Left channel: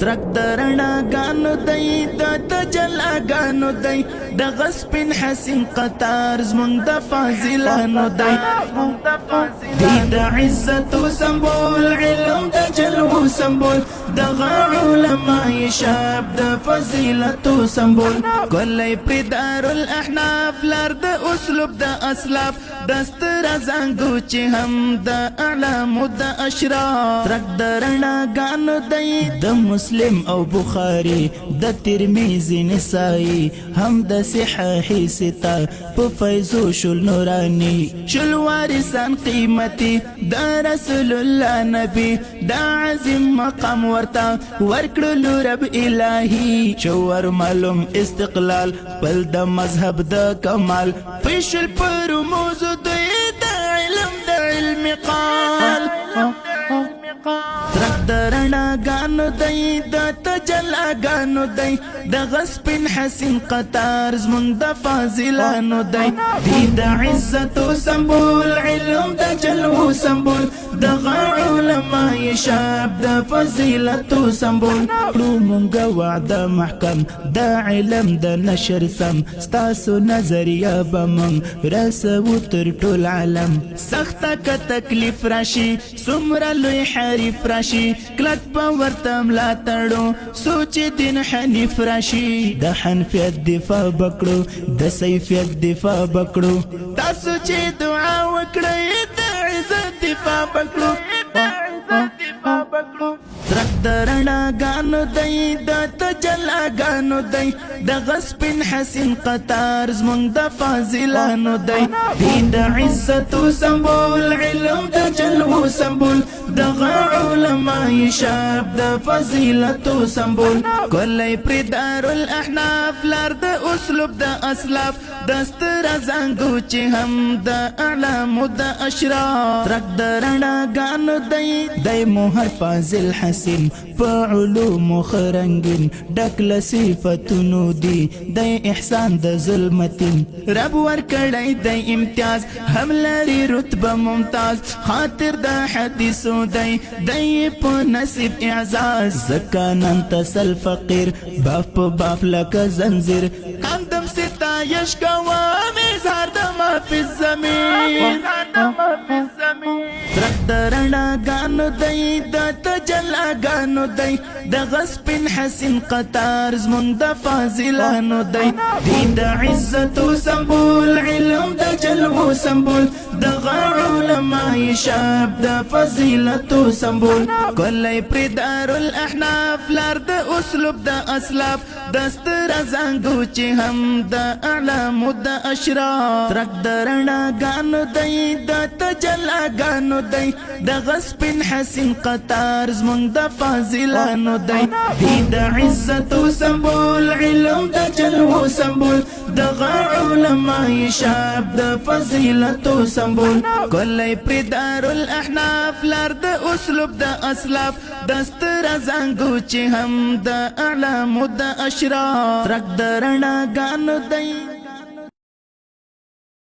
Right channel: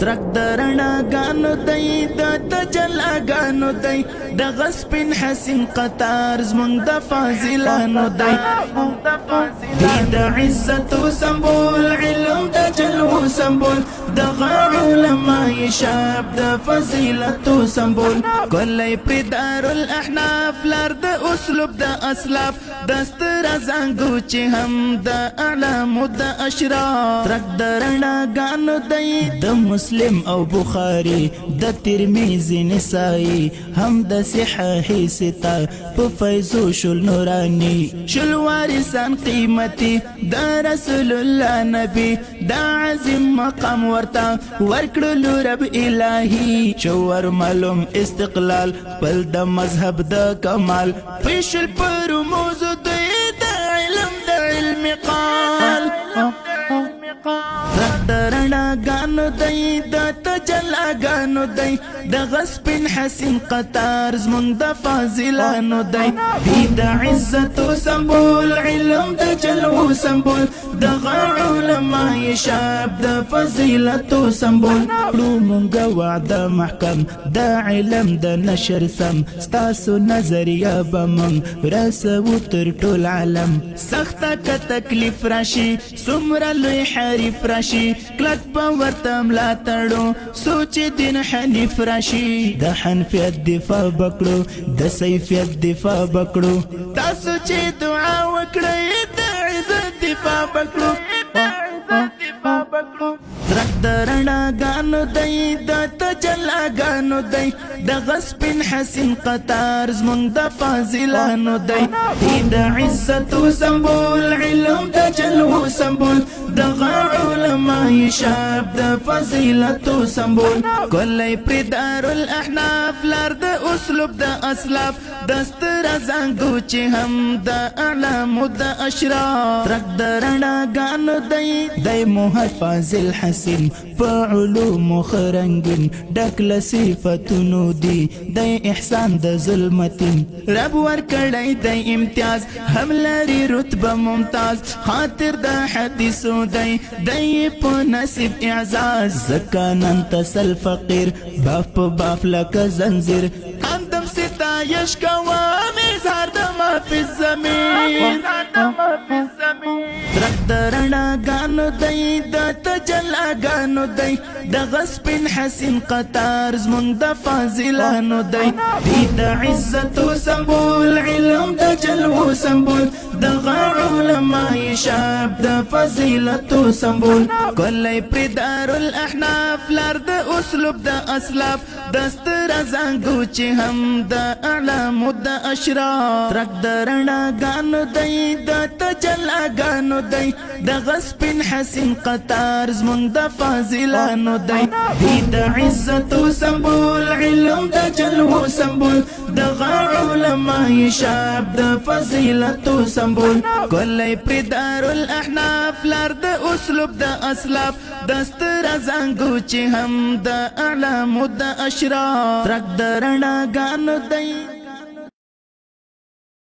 ترک درنا گانو دی د جلا گانو دی د غسپین حسین قطار زمون د فاضلانو دی د عزت سمبول علم د جلو سمبول د علماء شاب د فضیلت سمبول کلی پدار الاحناف لر د اسلوب د اسلاف دستر زنګو چې هم د اعلام د اشراف ترک درنا گانو دی د مسلم او بخاری د ترمذی نسائی هم د صحاح ستا په فیضو شل نورانی شل وارثان قیمتي دا رسول الله نبی دا عظیم مقام ورتا ورکړلو رب الهی چور معلوم استقلال بل د مذهب د کمال پیشل پر موضوع د علم د علم قال درنا گانو دی د تجلا گانو دی د غسپن حسین قطار زمون د فاضلانو دی د عزت سمبول علم د جلو سمبول د علماء شاب د فضیلت سمبول رومونګ وعد محکم د علم د نشر سم ستاسو نظریه بمم راسو تر ټول عالم سخت ک تکلیف راشي سمره لوی حریف راشي کلک په ورتم لا تړو سوچ دین حنیف راشي د حنفیت دفاع بکړو د سیفیت دفاع بکړو تاسو چې دعا وکړئ د عزت دفاع بکړو درنا گانو دی د تجلا گانو دی د غسپن حسین قطار زمون د فاضلانو دی د عزت سمبول علم د جلو سمبول د علماء شاب د فضیلت سمبول کلی پردار الاحناف لار د اسلوب د اسلاف دستر زنګو چې هم د اعلام د اشراف ترک درنا گانو دی دی موهر فاضل حسین په علوم خرنګین ډکل صفتونو دی دی احسان د ظلمتون رب ورکړی دی امتیاز هم لري رتبه ممتاز خاطر د حدیثو دی دی په نصیب اعزاز زکانن تسل فقیر باف باف لک زنجیر قدم ستایش کوا مزار د ما فی الزمین ترک درنا گانو دی د تجلا گانو دی د غسپن حسین قطار زمون د فاضلانو دی د عزت سمبول علم د جلو سمبول د علماء شاب د فضیلت سمبول کلی پردار الاحناف لر د اسلوب د اسلاف دستر زنګو چې هم د اعلام د اشراف ترک درنا گانو دی د تجلا گانو دی د غسپن حسین قطار زمون د فاضلانو دی د عزت سمبول علم د جلو سمبول د علماء شاب د فضیلت سمبول کلی پردار الاحناف لر د اسلوب د اسلاف دستر زنګو چې هم د اعلام د اشراف ترک درنا گانو دی